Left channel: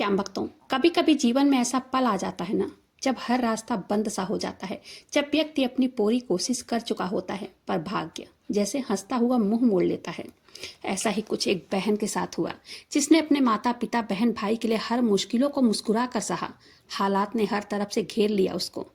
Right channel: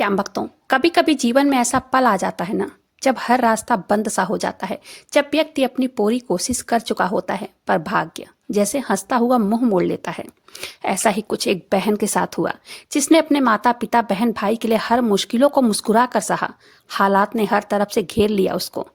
श्याम भक्तों, कभी कभी जीवन में ऐसा पल आ जाता है ना, जब हर रास्ता बंद सा हो जाता है। जब व्यक्ति अपनी पूरी कोशिश कर चुका होता है पर भाग्य जैसे हंसता हुआ मुंह मोड़ लेता है। ऐसा ही कुछ एक बहन के साथ हुआ, जिसने अपने माता पिता बहन भाई के लिए हर मुश्किलों को मुस्कुरा कर सहा। हालात ने हर तरफ से घेर लिया उसको,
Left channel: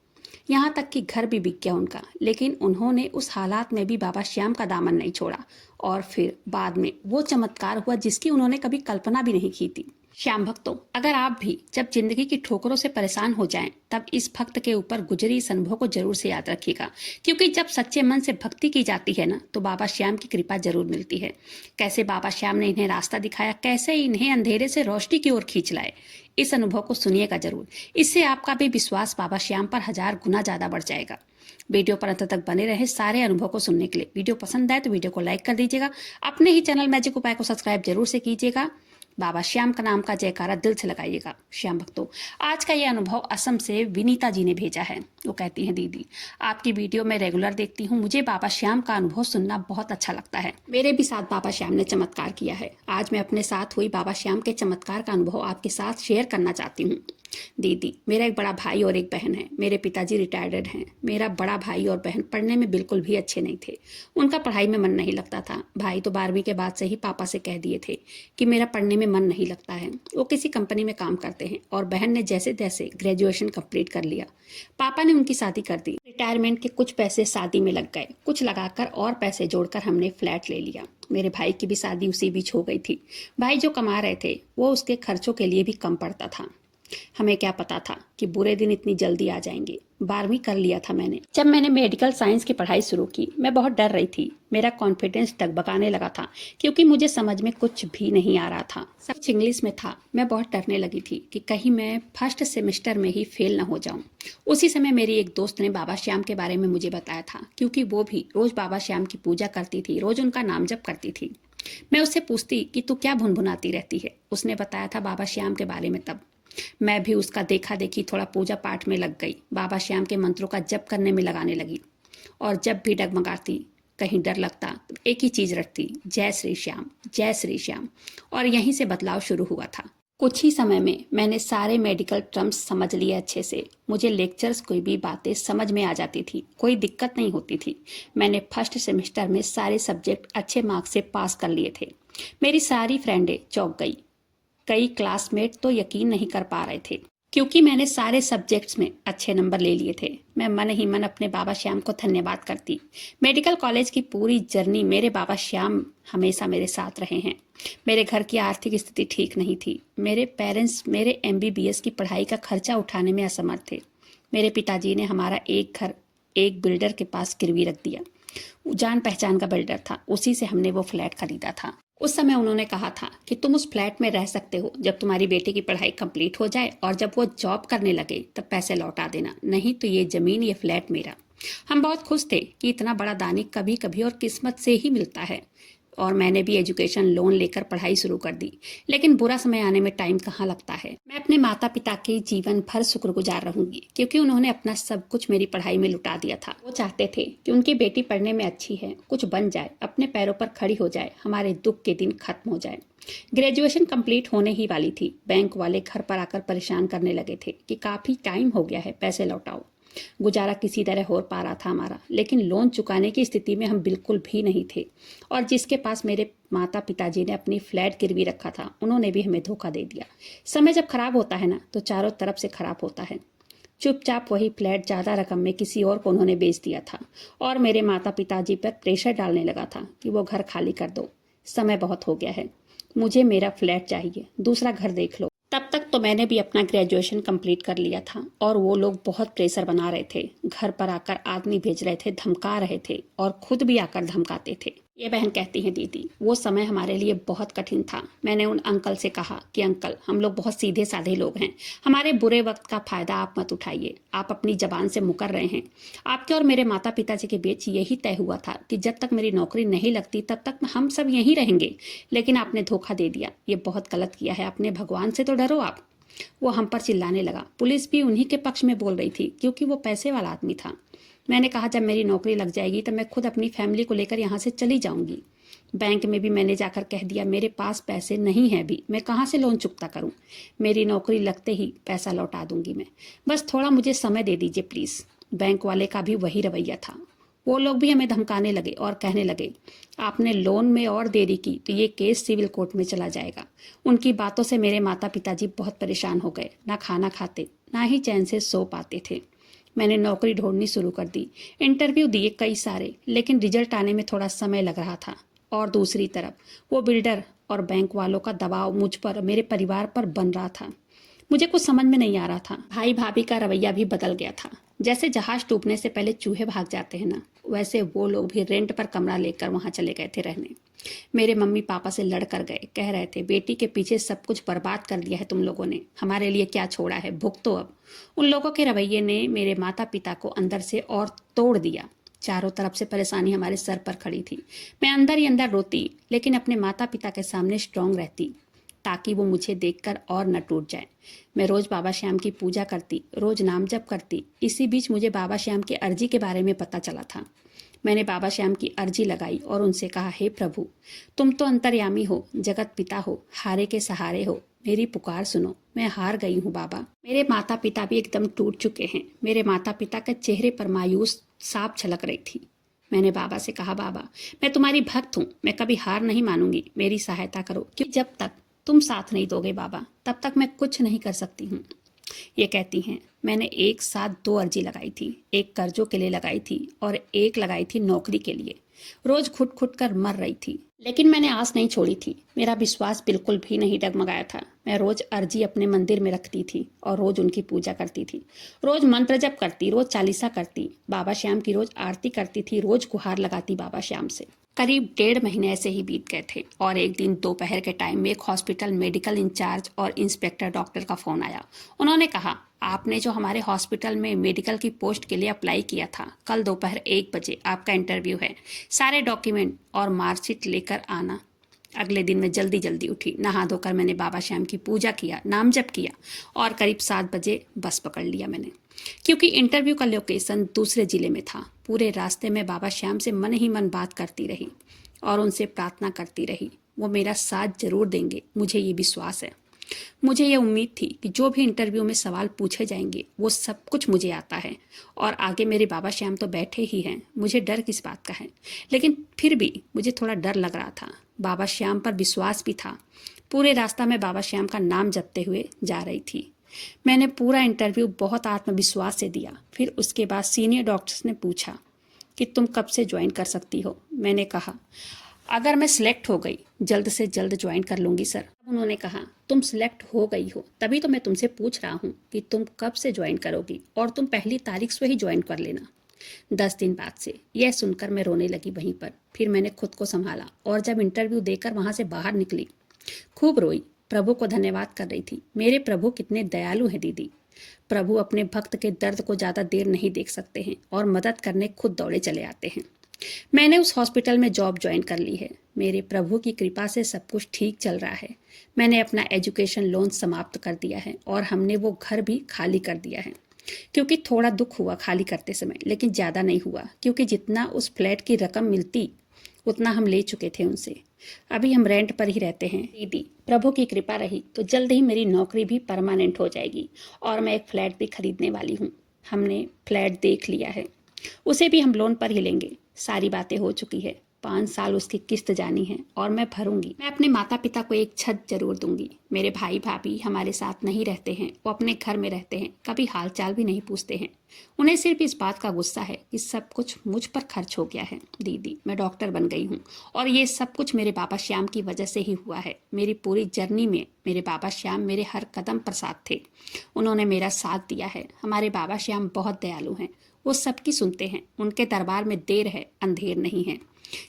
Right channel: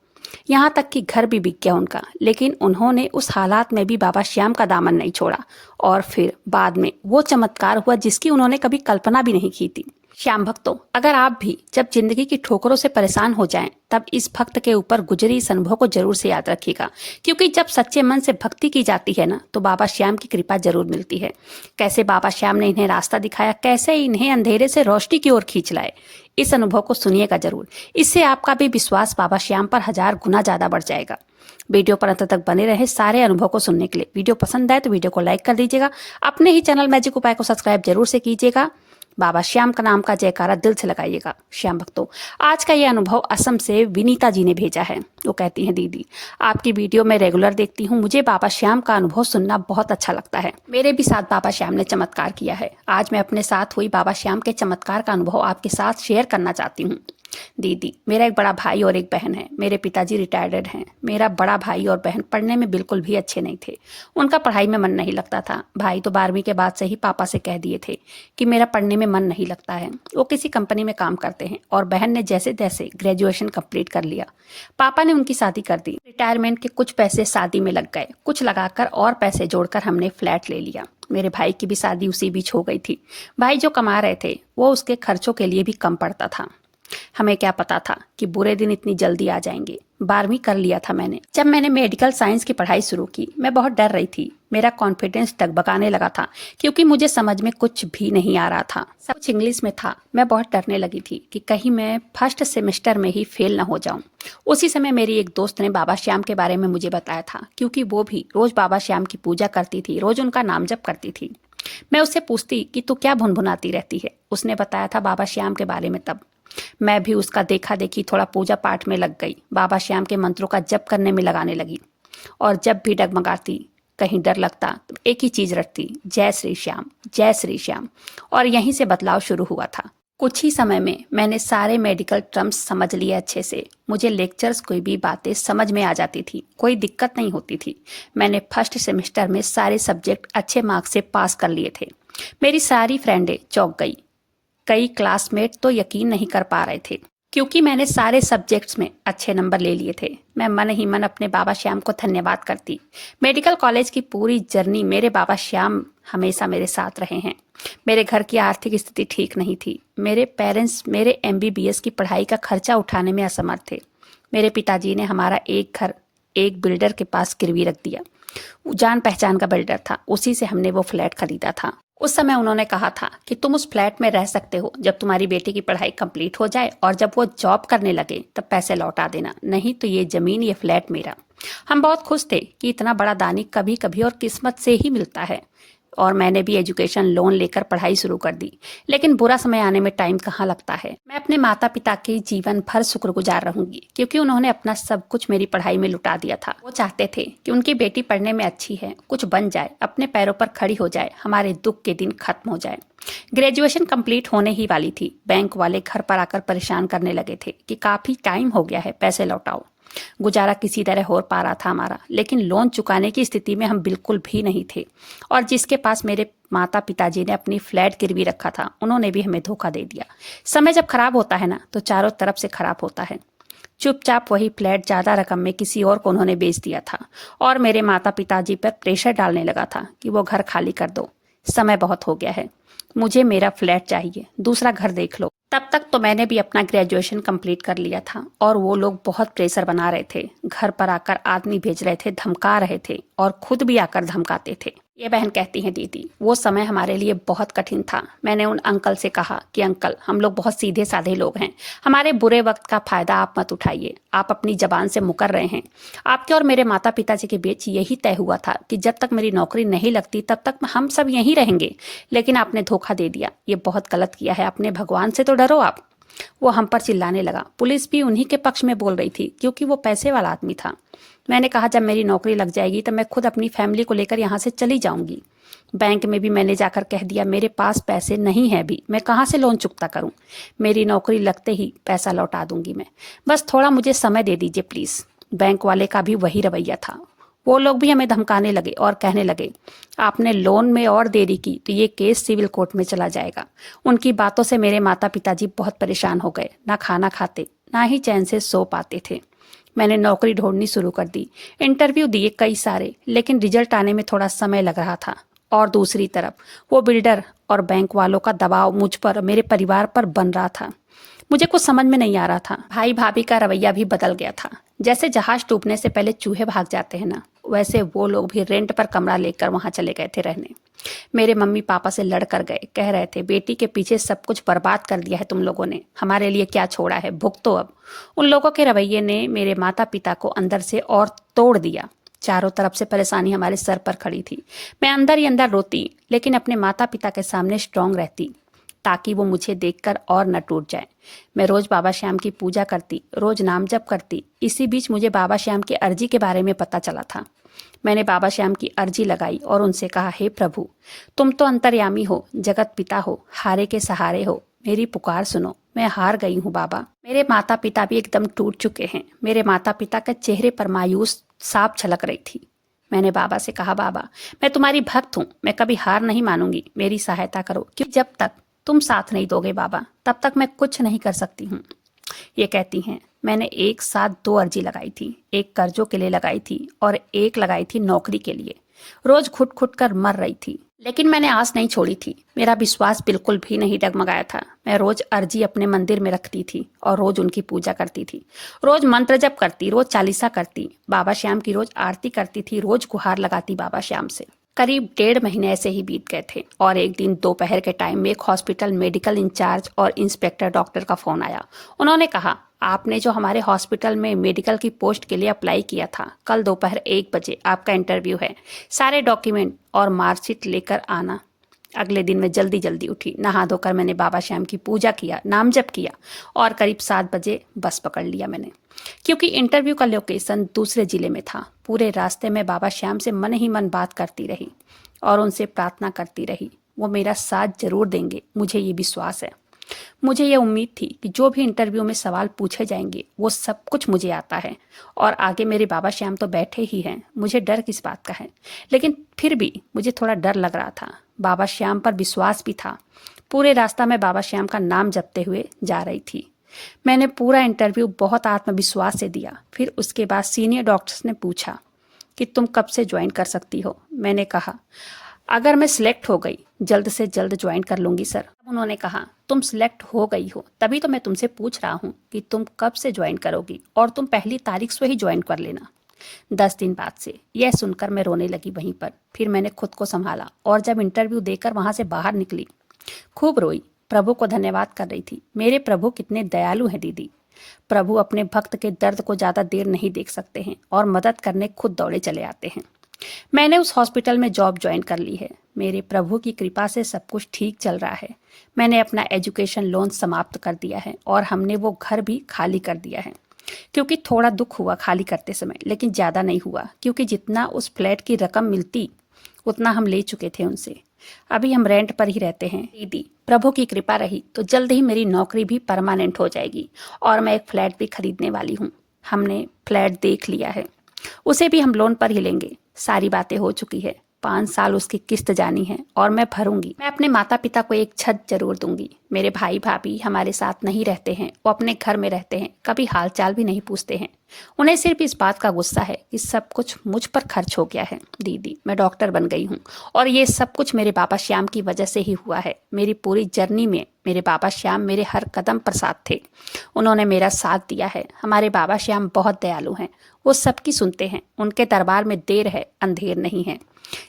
यहाँ तक कि घर भी बिक गया उनका, लेकिन उन्होंने उस हालात में भी बाबा श्याम का दामन नहीं छोड़ा। और फिर बाद में वो चमत्कार हुआ जिसकी उन्होंने कभी कल्पना भी नहीं की थी। श्याम भक्तों, अगर आप भी जब जिंदगी की ठोकरों से परेशान हो जाएं, तब इस भक्त के ऊपर गुजरी इस अनुभव को जरूर से याद रखिएगा, क्योंकि जब सच्चे मन से भक्ति की जाती है ना, तो बाबा श्याम की कृपा जरूर मिलती है। कैसे बाबा श्याम ने इन्हें रास्ता दिखाया, कैसे इन्हें अंधेरे से रोशनी की ओर खींच लाए, इस अनुभव को सुनिएगा जरूर। इससे आपका भी विश्वास बाबा श्याम पर 1000 गुना ज्यादा बढ़ जाएगा। वीडियो पर अंत तक बने रहे सारे अनुभव को सुनने के लिए। वीडियो पसंद आए तो वीडियो को लाइक कर दीजिएगा। अपने ही चैनल मैजिक उपाय को सब्सक्राइब जरूर से कीजिएगा। बाबा श्याम का नाम का जयकारा दिल से लगाइएगा। श्याम भक्तों, आज का ये अनुभव असम से विनीता जी ने भेजा है। वो कहती हैं, दीदी आपकी वीडियो मैं रेगुलर देखती हूँ, मुझे बाबा श्याम का अनुभव सुनना बहुत अच्छा लगता है। मेरे भी साथ बाबा श्याम ने चमत्कार किया है। आज मैं अपने साथ हुई बाबा श्याम के चमत्कार का अनुभव आपके साथ शेयर करना चाहती हूँ। दीदी, मेरा एक बड़ा भाई और एक बहन है। मेरे पिताजी रिटायर्ड हैं। मेरा बड़ा भाई और बहन पढ़ने में बिल्कुल भी अच्छे नहीं थे। उनका पढ़ाई में मन नहीं लगता था। भाई तो 12वीं के बाद से ही पापा से कह दिए थे कि मेरा पढ़ने में मन नहीं लगता है। वो किसी कंपनी में काम करते हैं और बहन ने जैसे तैसे ग्रेजुएशन कंप्लीट कर लिया। पापा ने उनकी शादी कर दी। रिटायरमेंट के कुछ पैसे शादी में लग गए। कुछ लगाकर और पैसे जोड़कर हमने फ्लैट ले लिया। मेरे भाई की भी शादी उसी बीच हो गई थी। भाई जो कमा रहे थे वो उसके खर्चों के लिए भी कम पड़ता था। हमें क्या पता था कि बुरे दिन इतनी जल्दी आ जाएंगे। 12वीं कर लिया था मैंने। जब मैंने मेडिकल साइंस की पढ़ाई शुरू की, मैं बहुत डर रही थी। मेरा कॉन्फिडेंस डगमगाने लगा था, क्योंकि मुझे समझ में कुछ भी नहीं आ रहा था। सब कुछ इंग्लिश में था। मैं बहुत डरने लगी थी कि कहीं मैं फर्स्ट सेमेस्टर में ही फेल न हो जाऊं। उसी समय मेरी एक दोस्त ने बाबा श्याम के बारे में मुझे बताया था, क्योंकि वो भी रोज बाबा श्याम की पूजा करती थी, रोज उनका नाम जप करती थी। मैं उससे पूछती कि तू क्या भुनभुनाती रहती है। उसने बताया था बाबा श्याम के बारे में। तब मैं भी उसका देखा देखी थोड़ा पूजा पाठ में लग गई। बाबा श्याम के मंत्रों का जप करने में लगाने लगी। और जब भी डगमगाती, कहीं डर लगता, तो एक ही चीज रटती, जय श्री श्याम, जय श्री श्याम। और यहीं से बदलाव शुरू हुआ था। कुछ ही समय में मैंने सारे मेडिकल टर्म्स समझ लिए अच्छे से। मुझे लेक्चर्स कोई भी बातें समझ में आ जाती थी, कोई दिक्कत नहीं होती थी। मैंने फर्स्ट सेमेस्टर में सारे सब्जेक्ट अच्छे मार्क्स से पास कर लिए थे। मेरी सारी फ्रेंडें चौंक गई। कई क्लासमेट तो यकीन नहीं कर पा रहे थे, क्योंकि मैंने सारे सब्जेक्ट्स में अच्छे नंबर ले लिए थे। मैं मन ही मन अपने बाबा श्याम को धन्यवाद करती। मेडिकल कॉलेज की पूरी जर्नी मेरे बाबा श्याम हमेशा मेरे साथ रहे हैं। मेरे घर की आर्थिक स्थिति ठीक नहीं थी। मेरे पेरेंट्स मेरे MBBS की पढ़ाई का खर्चा उठाने में असमर्थ थे। मेरे पिताजी ने हमारा एक घर एक बिल्डर के पास गिरवी रख दिया। जान पहचान का बिल्डर था, उसी से हमने वो फ्लैट खरीदा था। उस समय उन्होंने कहा था कि तुम उस फ्लैट में रह सकते हो जब तुम्हारी बेटी की पढ़ाई कंप्लीट हो जाए, और जब वो जॉब करने लगे तब पैसे लौटा देना, नहीं तो ये जमीन ये फ्लैट मेरा। हम बहुत खुश थे कि इतना बड़ा दानी कभी कभी और किस्मत से ही मिलता है। और मैंने भी एजुकेशन लोन लेकर पढ़ाई शुरू कर दी। लेकिन बुरा समय आने में टाइम कहाँ लगता है। मैं अपने माता पिता के जीवन भर शुक्रगुजार रहूंगी, क्योंकि उन्होंने अपना सब कुछ मेरी पढ़ाई में लुटा दिया था। वो चाहते थे कि उनकी बेटी पढ़ने में अच्छी है, कुछ बन जाए, अपने पैरों पर खड़ी हो जाए, हमारे दुख के दिन खत्म हो जाए। ग्रेजुएशन कंप्लीट होने ही वाली थी। बैंक वाले घर पर आकर परेशान करने लगे थे कि काफी टाइम हो गया है, पैसे लौटाओ। गुजारा किसी तरह हो पा रहा था हमारा, लेकिन लोन चुकाने की स्थिति में हम बिल्कुल भी नहीं थे। और जिसके पास मेरे माता पिताजी ने अपनी फ्लैट गिरवी रखा था, उन्होंने भी हमें धोखा दे दिया। समय जब खराब होता है ना, तो चारों तरफ से खराब होता है। चुपचाप वही फ्लैट ज्यादा रकम में किसी और को उन्होंने बेच दिया था। और मेरे माता पिताजी पर प्रेशर डालने लगा था कि वो घर खाली कर दो, समय बहुत हो गया है, मुझे मेरा फ्लैट चाहिए, दूसरा घर देख लो। तब तक तो मैंने भी अपना ग्रेजुएशन कंप्लीट कर लिया था, और वो लोग बहुत प्रेशर बना रहे थे। घर पर आकर आदमी भेज रहे थे, धमका रहे थे, और खुद भी आकर धमकाते थे। ये बहन कहती हैं, दीदी वो समय हमारे लिए बहुत कठिन था। मैंने उन अंकल से कहा कि अंकल, हम लोग बहुत सीधे साधे लोग हैं, हमारे बुरे वक्त का फायदा आप मत उठाइए। आप अपनी जबान से मुकर रहे हैं। आपके और मेरे माता पिताजी के बीच यही तय हुआ था कि जब तक मेरी नौकरी नहीं लगती तब तक हम सब यहीं रहेंगे, लेकिन आपने धोखा दे दिया। ये बहुत गलत किया है आपने, भगवान से तो डरो आप। वो हम पर चिल्लाने लगा। पुलिस भी उन्हीं के पक्ष में बोल रही थी, क्योंकि वो पैसे वाला आदमी था। मैंने कहा, जब मेरी नौकरी लग जाएगी तो मैं खुद अपनी फैमिली को लेकर यहाँ से चली जाऊंगी। बैंक में भी मैंने जाकर कह दिया मेरे पास पैसे नहीं है अभी, मैं कहाँ से लोन चुकता करूँ। मेरी नौकरी लगते ही पैसा लौटा दूंगी मैं, बस थोड़ा मुझे समय दे दीजिए प्लीज़। बैंक वाले का भी वही रवैया था। वो लोग भी हमें धमकाने लगे और कहने लगे आपने लोन में और देरी की तो ये केस सिविल कोर्ट में चला जाएगा। उनकी बातों से मेरे माता पिताजी बहुत परेशान हो गए, ना खाना खाते ना ही चैन से सो पाते थे। मैंने नौकरी ढूंढनी शुरू कर दी, इंटरव्यू दिए कई सारे, लेकिन रिजल्ट आने में थोड़ा समय लग रहा था। और दूसरी तरफ वो बिल्डर और बैंक वालों का दबाव मुझ पर, मेरे परिवार पर बन रहा था। मुझे कुछ समझ में नहीं आ रहा था। भाई भाभी का रवैया भी बदल गया था। जैसे जहाज डूबने से पहले चूहे भाग जाते हैं ना, वैसे वो लोग भी रेंट पर कमरा लेकर वहां चले गए थे रहने। मेरे मम्मी पापा से लड़ कर गए, कह रहे थे बेटी के पीछे सब कुछ बर्बाद कर दिया है तुम लोगों ने, हमारे लिए क्या छोड़ा है, भुगतो अब। उन लोगों के रवैये ने मेरे माता पिता को अंदर से और तोड़ दिया। चारों तरफ से परेशानी हमारे सर पर खड़ी थी। मैं अंदर ही अंदर रोती, लेकिन अपने माता पिता के सामने स्ट्रांग रहती ताकि वो मुझे देखकर और न टूट जाए। मैं रोज बाबा श्याम की पूजा करती, रोज नाम जप करती। इसी बीच मुझे बाबा श्याम की अर्जी के बारे में पता चला था। मैंने बाबा श्याम की अर्जी लगाई और उनसे कहा, हे प्रभु, तुम तो अंतर्यामी हो, जगत पिता हो, हारे के सहारे हो, मेरी पुकार सुनो, मैं हार गई हूँ बाबा। मेरे माता पिता भी एकदम टूट चुके हैं। मेरे माता पिता के चेहरे पर मायूस साफ झलक रही थी। मैंने बाबा से कहा, बाबा मैं तुम्हारी भक्त हूँ, मैं कभी हार नहीं मानूंगी, मेरी सहायता करो, क्योंकि जब तक तुम साथ नहीं दोगे बाबा तब तक मैं कुछ नहीं कर सकती हूँ। ये कहती हैं मैंने एक साथ 2 अर्जी लगाई थी, एक कर्जों के लिए लगाई थी और एक लगाई थी नौकरी के लिए। रोज घुट घुट कर मर रही थी, लेकिन मैंने आस नहीं छोड़ी थी। मेरा विश्वास बिल्कुल भी नहीं डगमगाया था। मैं रोज अर्जी अपने मंदिर में रखती थी और रोज उनकी पूजा करती थी। रोज मंत्र जप करती, रोज चालीसा करती, बाबा श्याम की रोज आरती करती थी, रोज गुहार लगाती बाबा श्याम से। करीब 1.5 महीने ऐसे ही बीत गए थे और एक दिन दोपहर के टाइम में एक हॉस्पिटल मेडिकल इंचार्ज और इंस्पेक्टर डॉक्टर का फोन आया। उन्होंने कहा, आपने जो हमारे हॉस्पिटल में मेडिकल की पोस्ट के लिए अप्लाई किया था, कल दोपहर 1 बजे आपका इंटरव्यू है, सारे डॉक्यूमेंट और मार्कशीट लेकर आना। अगले दिन मैं जल्दी जल्दी उठी, नहा धोकर मैंने बाबा श्याम की पूजा किया, नाम जप किया और करीब 7 बजे बस पकड़ लिया मैंने, क्योंकि इंटरव्यू का लोकेशन दूसरे जिले में था। पूरे रास्ते में बाबा श्याम से मन ही मन बात करती रही और उनसे प्रार्थना करती रही, वो मेरा साथ जरूर देंगे, मुझे ये विश्वास है। मुझे ये उम्मीद थी कि जो भी इंटरव्यू में सवाल पूछे जाएंगे वो सब कुछ मुझे आता है और आगे मेरे बाबा श्याम तो बैठे ही हैं, मुझे डर किस बात का है। लेकिन फिर भी मुझे थोड़ा डर लग रहा था। बाबा श्याम पर विश्वास भी था। पूरे रास्ता में बाबा श्याम का नाम जपते हुए जा रही थी। मैंने पूरा इंटरव्यू बहुत आत्मविश्वास से दिया। फिर उसके बाद सीनियर डॉक्टर्स ने पूछा कि तुम कब से ज्वाइन कर सकती हो। मैंने कहा, अगर मैं सिलेक्ट हो गई जल्द से जल्द ज्वाइन कर लूंगी सर। उन्होंने कहा, तुम सिलेक्ट हो गई हो तभी तो मैं तुमसे पूछ रहा हूँ कि तुम कब से ज्वाइन करोगी और तुम पहली तारीख से ही ज्वाइन कर लेना, 10 दिन बाद से। यह सुनकर मैं रोने लगी वहीं पर। फिर मैंने खुद को संभाला और जब इंटरव्यू देकर वहां से बाहर निकली खूब रोई, प्रभु को धन्यवाद कर रही थी। मेरे प्रभु कितने दयालु हैं दीदी। प्रभु अपने भक्त के दर्द को ज्यादा देर नहीं देख सकते हैं और मदद करने खुद दौड़े चले आते हैं। मैंने उस हॉस्पिटल में जॉब ज्वाइन कर ली है। मेरे प्रभु की कृपा से सब कुछ ठीक चल रहा है। मैंने अपना एजुकेशन लोन समाप्त कर दिया है और हमने वो घर भी खाली कर दिया है, क्योंकि थोड़ा दुख हुआ खाली करते समय, लेकिन ज्यादा नहीं हुआ, क्योंकि जितना उस फ्लैट की रकम मिलती उतना हम ले चुके थे उनसे। अभी हम रेंट पर ही रहते हैं। दीदी, प्रभु की कृपा रही तो जल्द ही मेरी नौकरी भी परमानेंट हो जाएगी और मैं एक फ्लैट भी खरीदने वाली हूँ। हमने फ्लैट देख लिया है, उसे भी हम लोन पर ही लेंगे। सारी बातें हो चुकी है, 5 साल उसकी किस्त जानी है और मैं भरूंगी। मैं अपने माता पिता को एक छत जरूर दूंगी। मेरे भाई भाभी हमारे साथ नहीं रहते हैं, वो अपने घर में रहते हैं, कभी हालचाल भी नहीं पूछते हैं। उन्हें सिर्फ इस बात का गुस्सा है कि सब कुछ मुझ पर खर्च हो गया है। दीदी, मैं डॉक्टर बन गई हूँ और ये सब कुछ मेरे बाबा श्याम की वजह से ही हुआ है। मेरी पूरी जर्नी में मेरे बाबा श्याम मेरे हर कदम पर साथ थे। उन्होंने मेरा साथ दिया है। हमारे बाबा श्याम बहुत दयालु हैं, वो सबकी सुनते हैं। उनके दरबार में देर है, अंधेर नहीं है।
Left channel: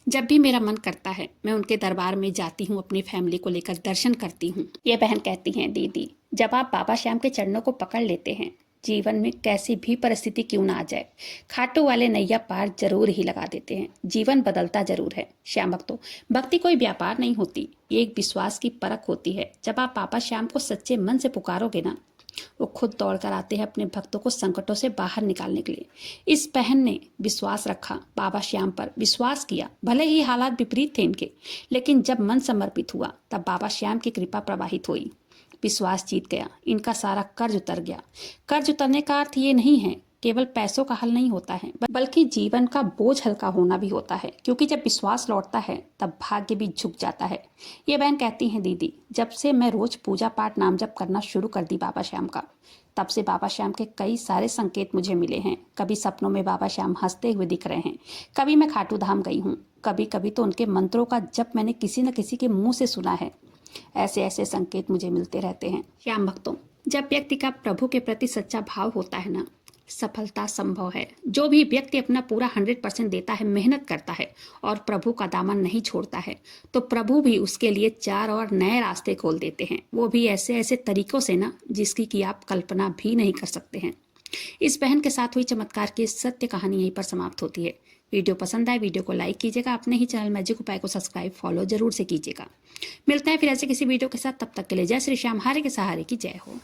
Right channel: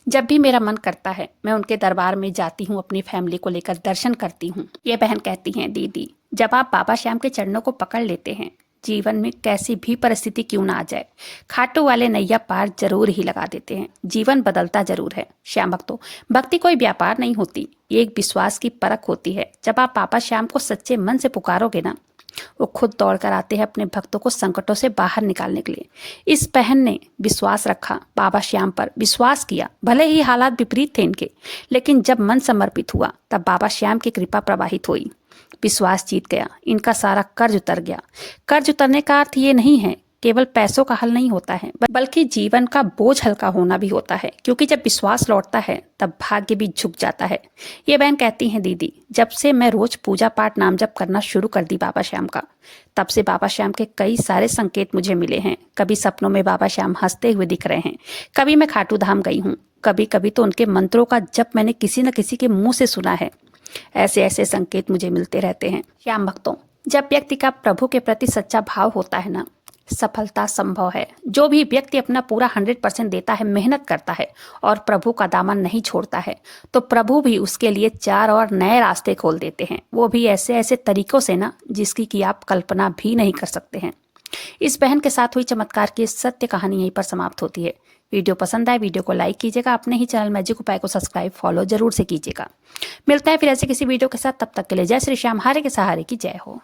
जब भी मेरा मन करता है मैं उनके दरबार में जाती हूँ, अपनी फैमिली को लेकर दर्शन करती हूँ। ये बहन कहती हैं, दीदी जब आप बाबा श्याम के चरणों को पकड़ लेते हैं, जीवन में कैसी भी परिस्थिति क्यों ना आ जाए, खाटू वाले नैया पार जरूर ही लगा देते हैं। जीवन बदलता जरूर है। श्याम भक्तों, भक्ति कोई व्यापार नहीं होती, ये एक विश्वास की परख होती है। जब आप बाबा श्याम को सच्चे मन से पुकारोगे ना, वो खुद दौड़ कर आते हैं अपने भक्तों को संकटों से बाहर निकालने के लिए। इस बहन ने विश्वास रखा, बाबा श्याम पर विश्वास किया। भले ही हालात विपरीत थे इनके, लेकिन जब मन समर्पित हुआ तब बाबा श्याम की कृपा प्रवाहित हुई। विश्वास जीत गया, इनका सारा कर्ज उतर गया। कर्ज उतरने का अर्थ ये नहीं है केवल पैसों का हल नहीं होता है, बल्कि जीवन का बोझ हल्का होना भी होता है, क्योंकि जब विश्वास लौटता है तब भाग्य भी झुक जाता है। ये बहन कहती हैं, दीदी जब से मैं रोज पूजा पाठ नाम जप करना शुरू कर दी बाबा श्याम का, तब से बाबा श्याम के कई सारे संकेत मुझे मिले हैं। कभी सपनों में बाबा श्याम हंसते हुए दिख रहे हैं, कभी मैं खाटू धाम गई हूँ, कभी कभी तो उनके मंत्रों का जप मैंने किसी न किसी के मुंह से सुना है। ऐसे ऐसे संकेत मुझे मिलते रहते हैं। श्याम भक्तों, जब व्यक्ति का प्रभु के प्रति सच्चा भाव होता है ना, सफलता संभव है। जो भी व्यक्ति अपना पूरा 100% देता है, मेहनत करता है और प्रभु का दामन नहीं छोड़ता है, तो प्रभु भी उसके लिए 4 और नए रास्ते खोल देते हैं। वो भी ऐसे ऐसे तरीकों से ना, जिसकी कि आप कल्पना भी नहीं कर सकते हैं। इस बहन के साथ हुई चमत्कार की सत्य कहानी यहीं पर समाप्त होती है। वीडियो पसंद आए, वीडियो को लाइक कीजिएगा, अपने ही चैनल मैजिक उपाय को सब्सक्राइब फॉलो जरूर से कीजिएगा। मिलते हैं फिर ऐसे किसी वीडियो के साथ, तब तक के लिए जय श्री श्याम, हारे के सहारे की जय हो।